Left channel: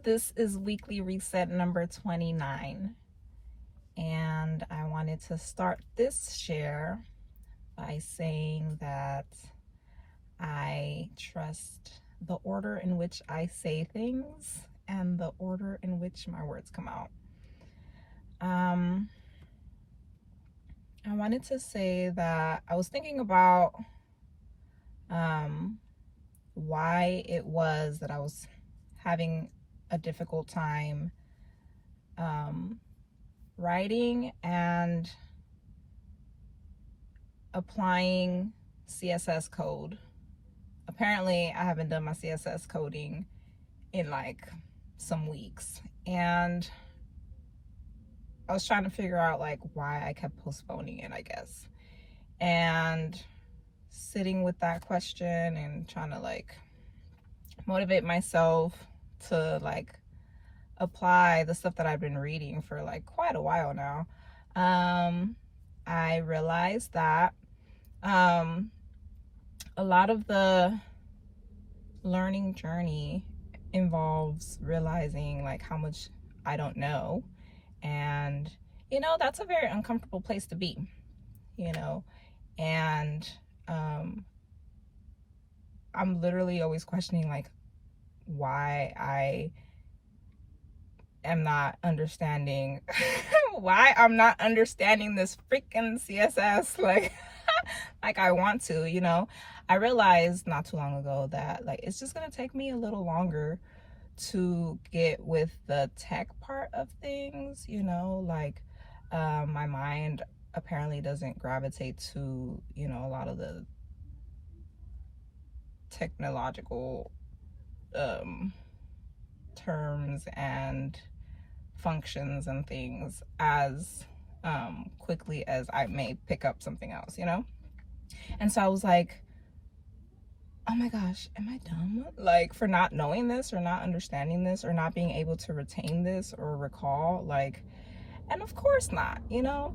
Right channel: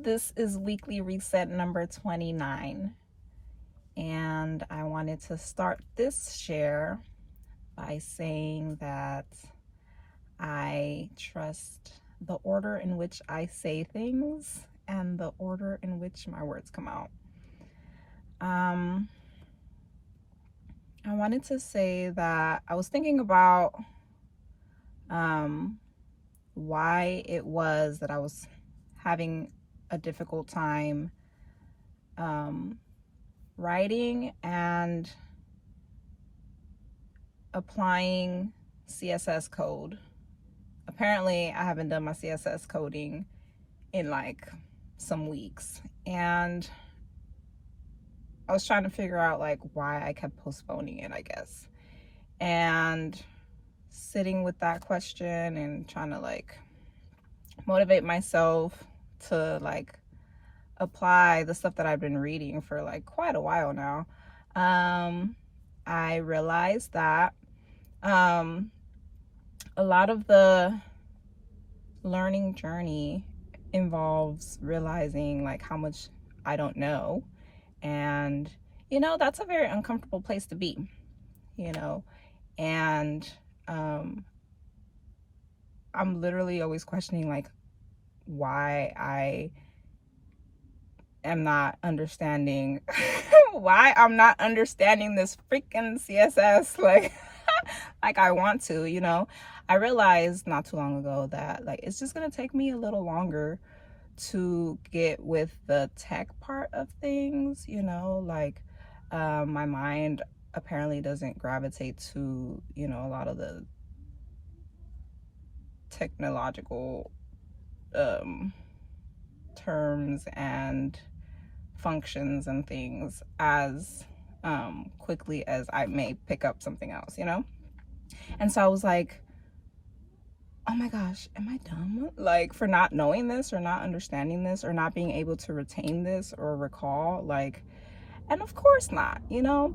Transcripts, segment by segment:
This is weekly reset number 29, and I wanted to start this share by saying that I trust the order in which I say things and the order in which my words come out. I wanted to say that I was thinking about why it was that I was having a difficult time writing and applying CSS code. Apparently, I haven't done my CSS coding in like some weeks, and I was trying to figure out like why I kept postponing it, I guess. And sitting with that question and trying to like motivate myself to like apply the stuff that I've been reading for like quite a while now, I realized that a lot of the learning journey involves realizing like how much I don't know, and that's a very uncomfortable place to be, and I'm literally always questioning like why I am not understanding why I'm not understanding this freaking CSS like like I want to. I realized not too long ago that like it's just gonna take me a little longer to get with the tech part of things, like my mind apparently doesn't gravitate to a lot of the technological terms and functions and things as quickly as I may pick up something else, and so I was like, oh my gosh, am I dumb like for not knowing this or not understanding this or not being able to retain this or recall, like, and of course not,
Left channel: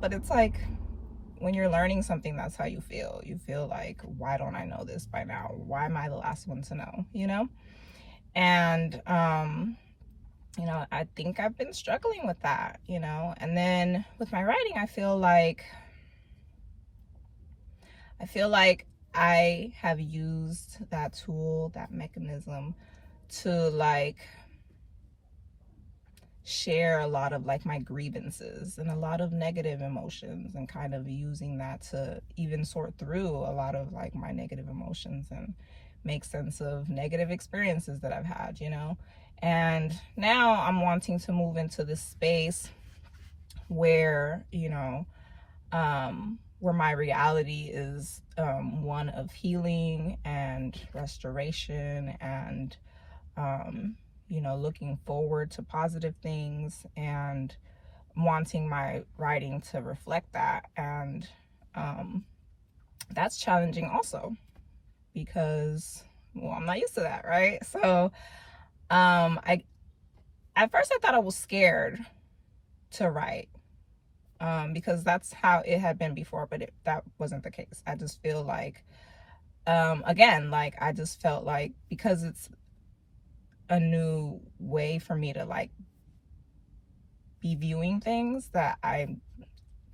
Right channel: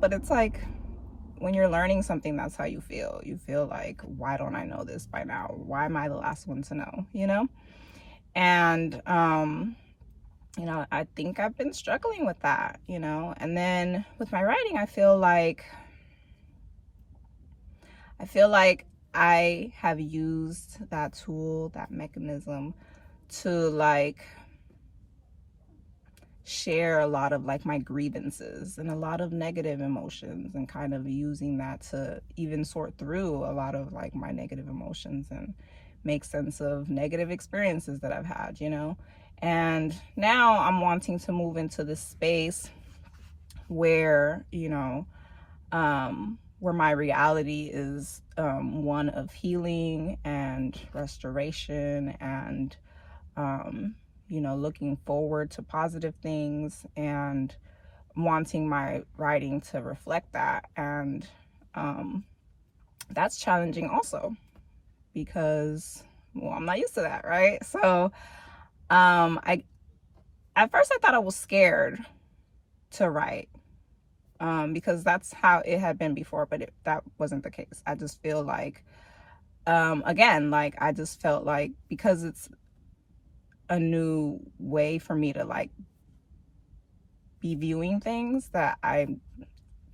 but it's like when you're learning something, that's how you feel like, why don't I know this by now? Why am I the last one to know? And I think I've been struggling with that, and then with my writing, I feel like I have used that tool, that mechanism to like share a lot of like my grievances and a lot of negative emotions, and kind of using that to even sort through a lot of like my negative emotions and make sense of negative experiences that I've had, and now I'm wanting to move into this space where where my reality is one of healing and restoration and looking forward to positive things and wanting my writing to reflect that. And that's challenging also because, well, I'm not used to that, right? So at first I thought I was scared to write because that's how it had been before, but that wasn't the case. I just feel like again, like I just felt like because it's a new way for me to like be viewing things that I'm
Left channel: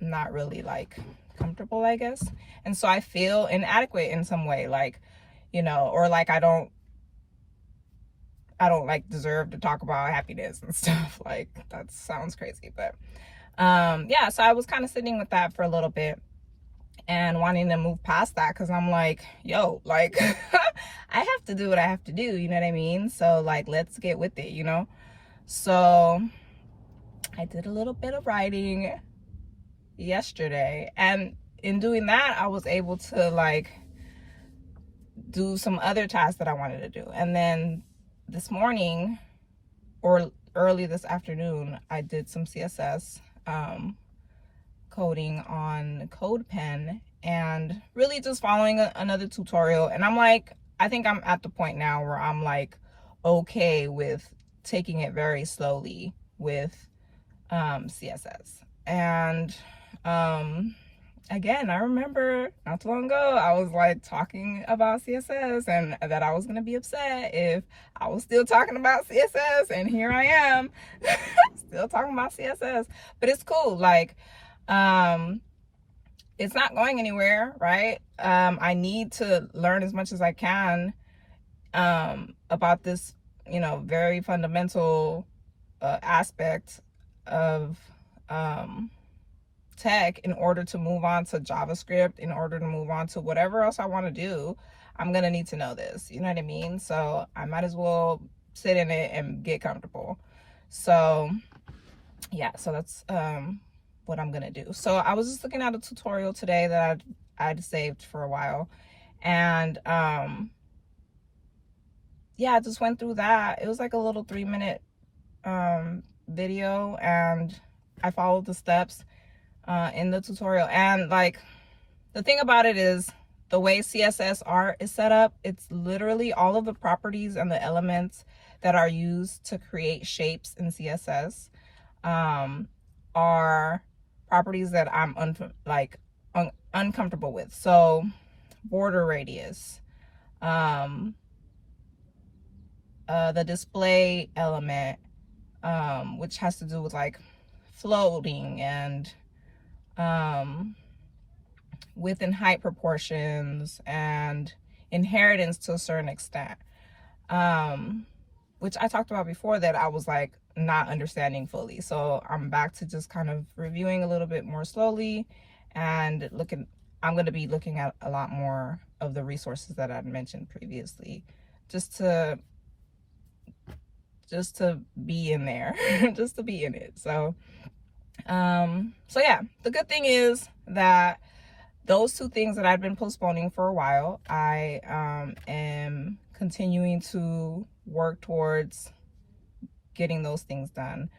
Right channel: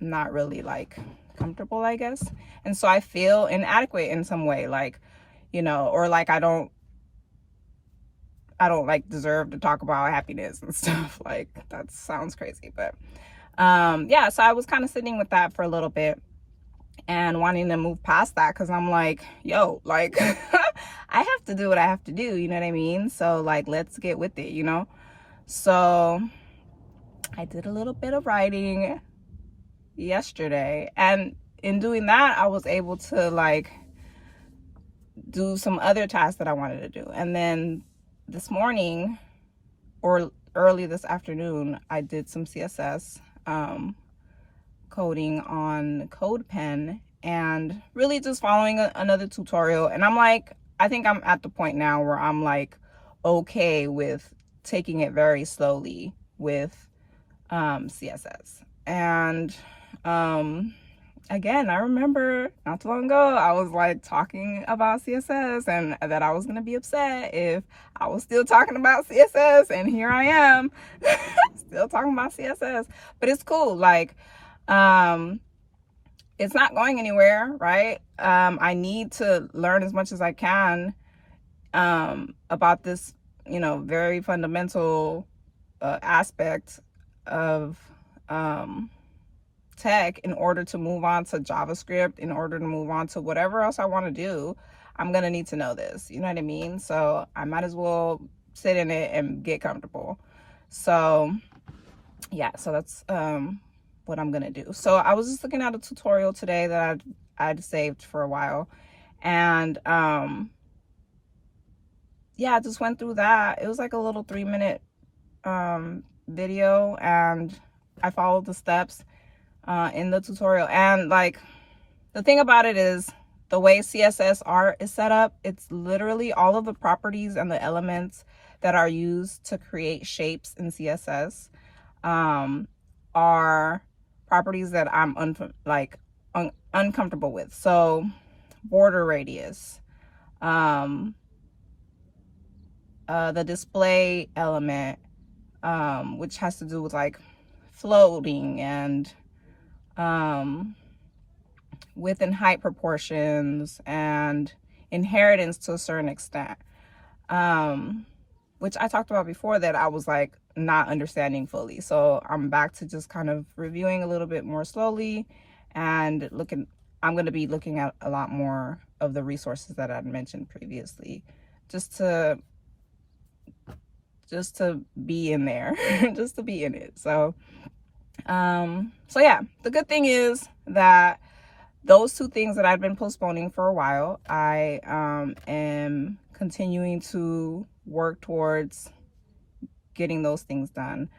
not really like comfortable, I guess. And so I feel inadequate in some way, like, or like I don't like deserve to talk about happiness and stuff. Like that sounds crazy, but yeah, so I was kind of sitting with that for a little bit and wanting to move past that, because I'm like, yo, like I have to do what I have to do, you know what I mean? So like, let's get with it, So I did a little bit of writing yesterday, and in doing that I was able to like do some other tasks that I wanted to do. And then this morning, or early this afternoon, I did some CSS coding on CodePen, and really just following another tutorial. And I'm like, I think I'm at the point now where I'm like okay with taking it very slowly with CSS. And again, I remember not too long ago, I was like talking about CSS and that I was going to be upset if I was still talking about CSS. And here I am still talking about CSS, but it's cool. Like, it's not going anywhere, right? I need to learn as much as I can about this, very fundamental aspect of tech in order to move on to JavaScript, in order to move on to whatever else I want to do. I'm gonna need to know this, you know what I mean? So I might as well sit in it and get comfortable. So yeah, so that's what I'm gonna do. So I was just looking at a tutorial today that I'd saved for a while, and yeah, I just went through that. It was like a little 3-minute video, and I followed the steps in the tutorial. And like, the thing about it is, the way CSS art is set up, it's literally all of the properties and the elements that are used to create shapes in CSS are properties that I'm uncomfortable with. So border radius, the display element, which has to do with like floating and width and height proportions and inheritance to a certain extent, which I talked about before, that I was like not understanding fully. So I'm back to just kind of reviewing a little bit more slowly and I'm going to be looking at a lot more of the resources that I'd mentioned previously, just to be in there, just to be in it. So yeah, the good thing is that those two things that I've been postponing for a while, I am continuing to work towards getting those things done.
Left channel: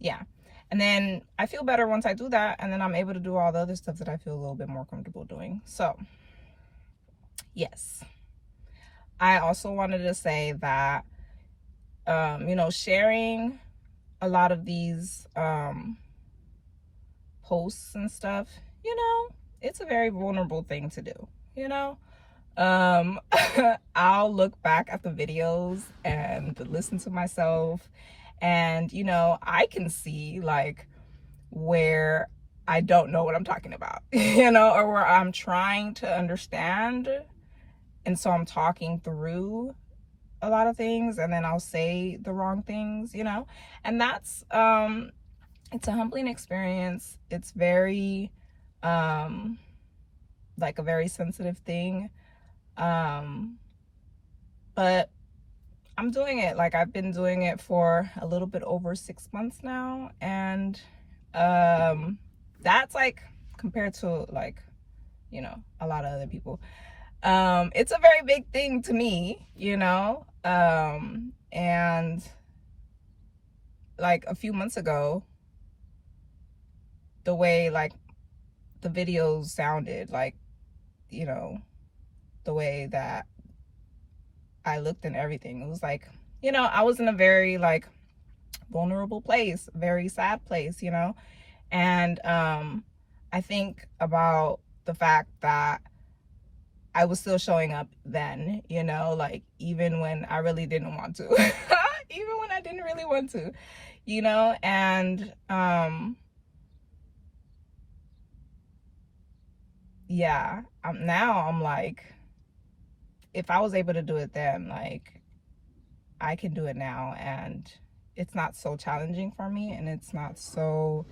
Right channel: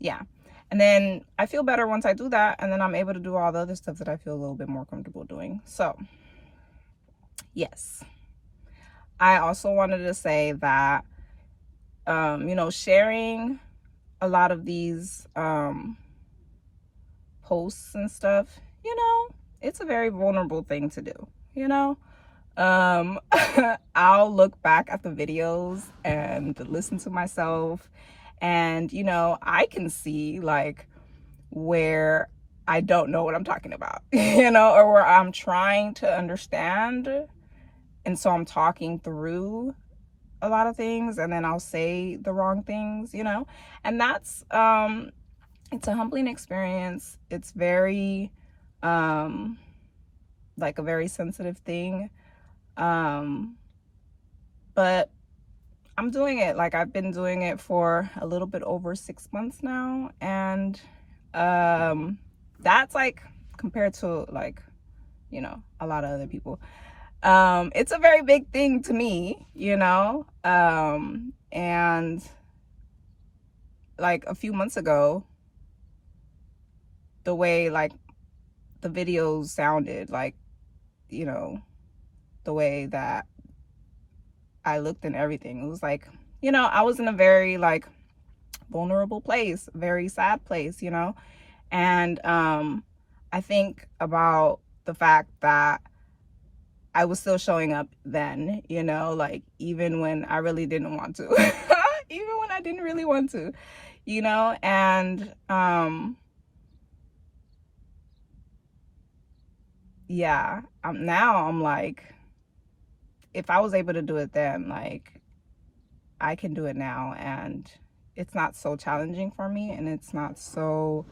Yeah, and then I feel better once I do that, and then I'm able to do all the other stuff that I feel a little bit more comfortable doing. So yes, I also wanted to say that sharing a lot of these posts and stuff, it's a very vulnerable thing to do. I'll look back at the videos and listen to myself, and I can see like where I don't know what I'm talking about, or where I'm trying to understand, and so I'm talking through a lot of things and then I'll say the wrong things, and that's it's a humbling experience. It's very like a very sensitive thing, but I'm doing it. Like, I've been doing it for a little bit over 6 months now, and that's like, compared to like a lot of other people, it's a very big thing to me, and like a few months ago, the way like the videos sounded, like the way that I looked and everything, it was like I was in a very like vulnerable place, very sad place, and I think about the fact that I was still showing up then, like even when I really didn't want to, even when I didn't really want to, and yeah, now I'm like, if I was able to do it then, like I can do it now, and it's not so challenging for me, and it's not so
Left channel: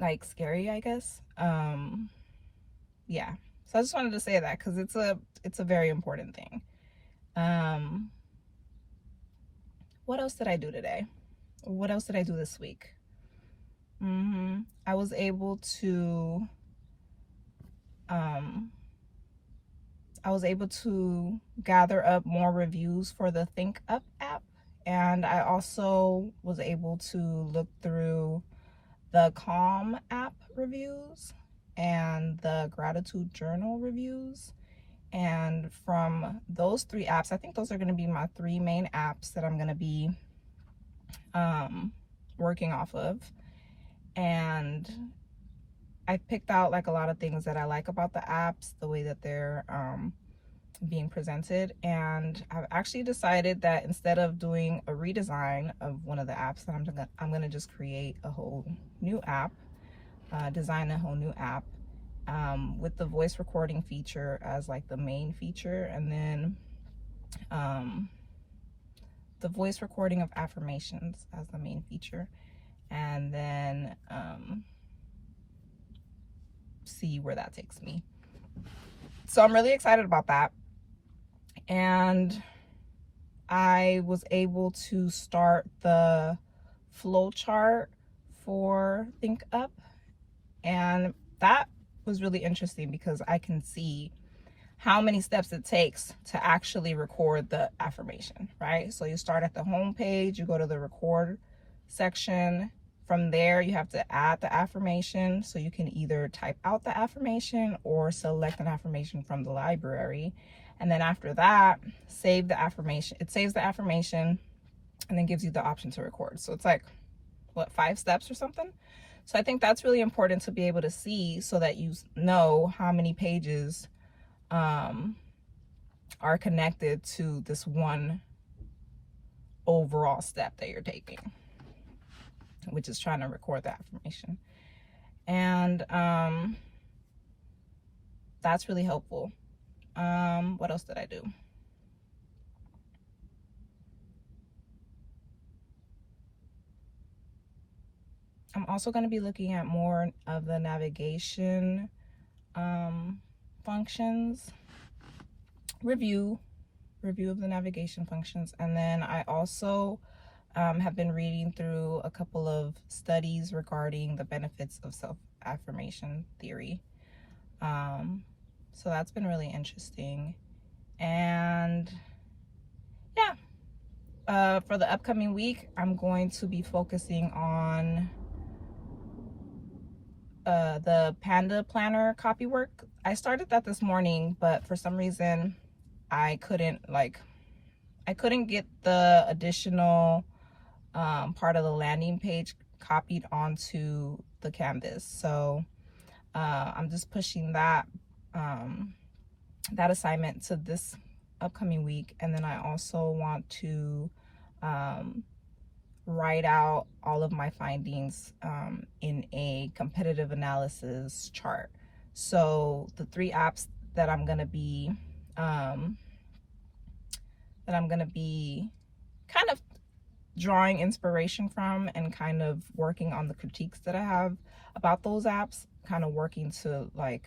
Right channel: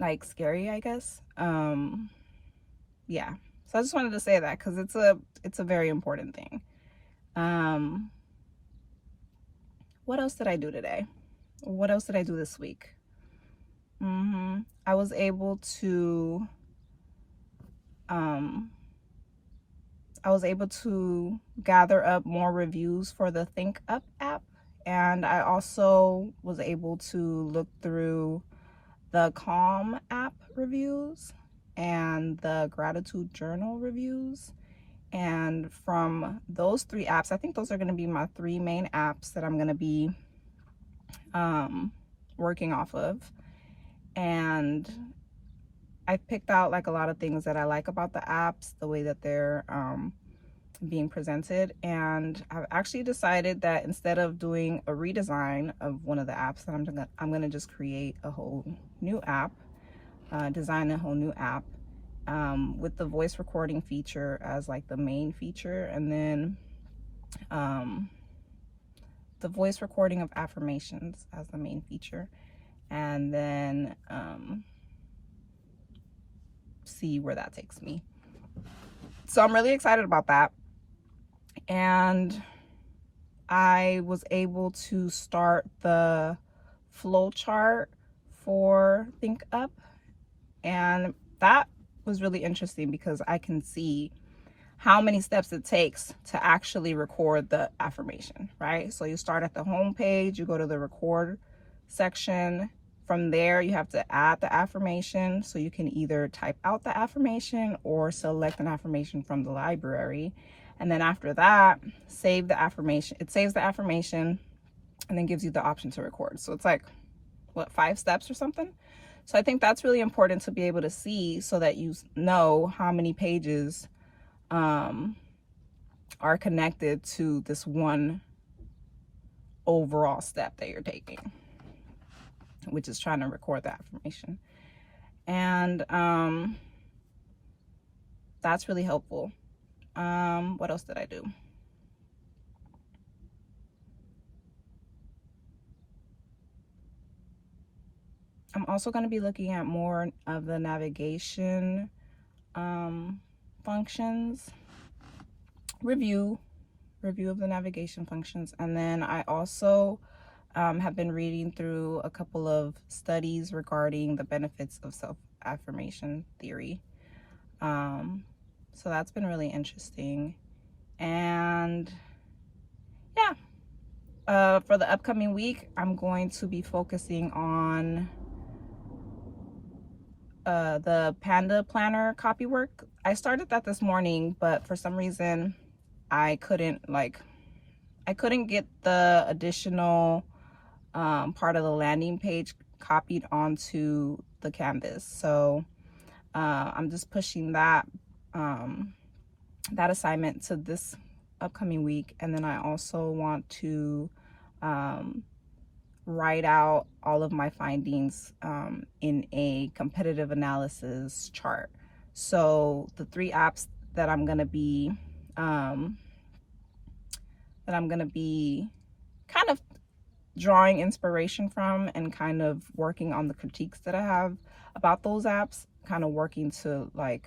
like scary, I guess. Yeah, so I just wanted to say that because it's a very important thing. What else did I do today? What else did I do this week? I was able to gather up more reviews for the Think Up app, and I also was able to look through the Calm app reviews and the Gratitude Journal reviews. And from those 3 apps, I think those are going to be my 3 main apps that I'm going to be working off of. and I picked out like a lot of things that I like about the apps, the way that they're being presented. And I've actually decided that instead of doing a redesign of one of the apps, that I'm gonna just create a whole new app, design a whole new app with the voice recording feature as like the main feature, and then the voice recording of affirmations as the main feature, and then see where that takes me. So I'm really excited about that. And I was able to start the flow chart for ThinkUp, and that was really interesting because I can see how many steps it takes to actually record the affirmation, right? So you start at the home page, you go to the record section. From there, you have to add the affirmation. So you can either type out the affirmation or select an affirmation from the library. And then after that, save the affirmation. It saves the affirmation and then gives you the option to record. So it's like, what, 5 steps or something? So I think that's really important to be able to see, so that you know how many pages are connected to this one overall step that you're taking, which is trying to record the affirmation. And that's really helpful. What else did I do? I'm also going to be looking at more of the navigation functions, review of the navigation functions. And then I also have been reading through a couple of studies regarding the benefits of self-affirmation theory. So that's been really interesting. And yeah, for the upcoming week, I'm going to be focusing on the PandaPlanner copywork. I started that this morning, but for some reason I couldn't get the additional part of the landing page copied onto the canvas. So I'm just pushing that assignment to this upcoming week. And then I also want to write out all of my findings in a competitive analysis chart. So the 3 apps that I'm gonna be kind of drawing inspiration from, and kind of working on the critiques that I have about those apps, kind of working to like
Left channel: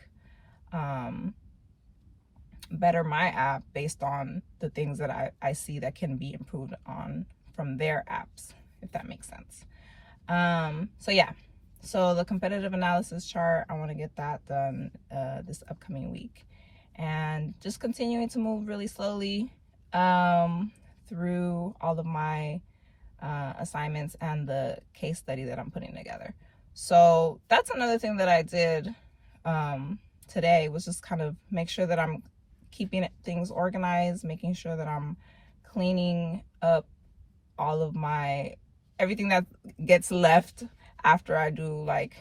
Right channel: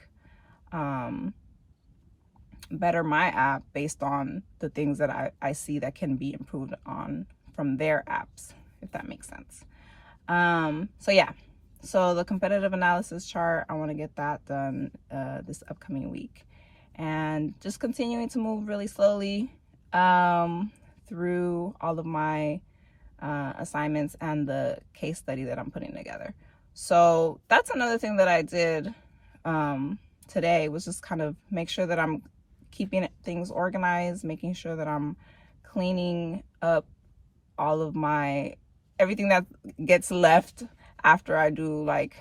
better my app based on the things that I see that can be improved on from their apps, if that makes sense. So yeah, so the competitive analysis chart, I want to get that done this upcoming week, and just continuing to move really slowly through all of my assignments and the case study that I'm putting together. So that's another thing that I did today, was just kind of make sure that I'm keeping things organized, making sure that I'm cleaning up all of everything that gets left after I do like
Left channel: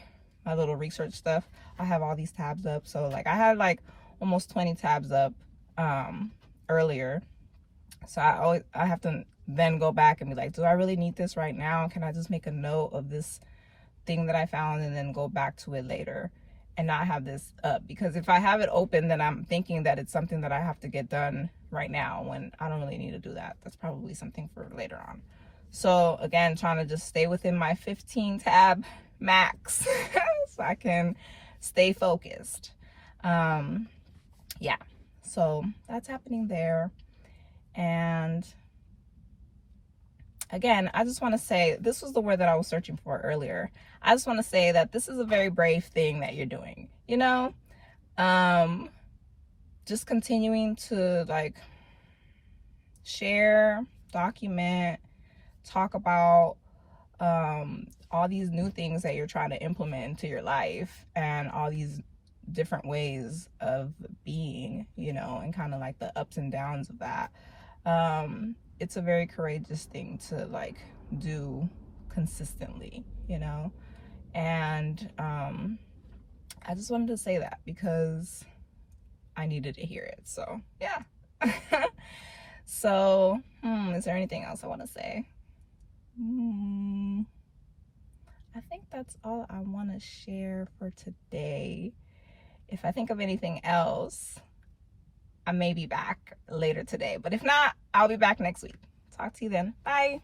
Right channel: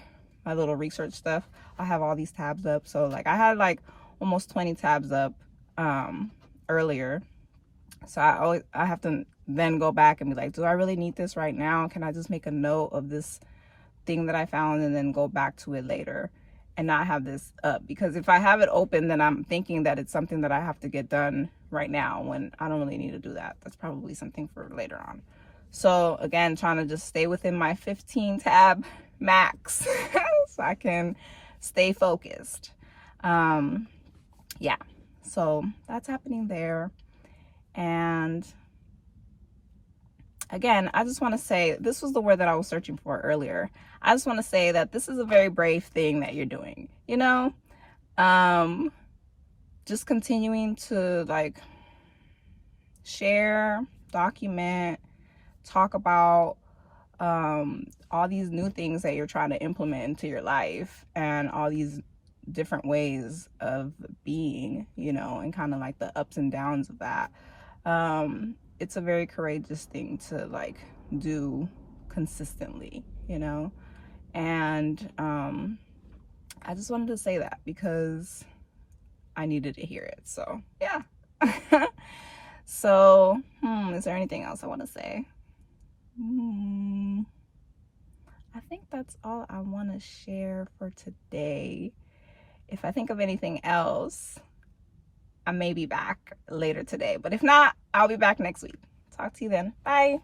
my little research stuff. I have all these tabs up. So like I had like almost 20 tabs up earlier. So I have to then go back and be like, do I really need this right now? Can I just make a note of this thing that I found and then go back to it later and not have this up? Because if I have it open, then I'm thinking that it's something that I have to get done right now, when I don't really need to do that. That's probably something for later on. So again, trying to just stay within my 15 tab max so I can stay focused. Yeah, so that's happening there. And again, I just want to say, this was the word that I was searching for earlier. I just want to say that this is a very brave thing that you're doing, you know? Just continuing to like share, document, talk about all these new things that you're trying to implement into your life, and all these different ways of being, you know, and kind of like the ups and downs of that. It's a very courageous thing to like do consistently, you know, And I just wanted to say that because I needed to hear it. So yeah. So is there anything else I want to say? I think that's all I want to share for today. If I think of anything else, I may be back later today, but if not, I'll be back next week. Talk to you then. Bye.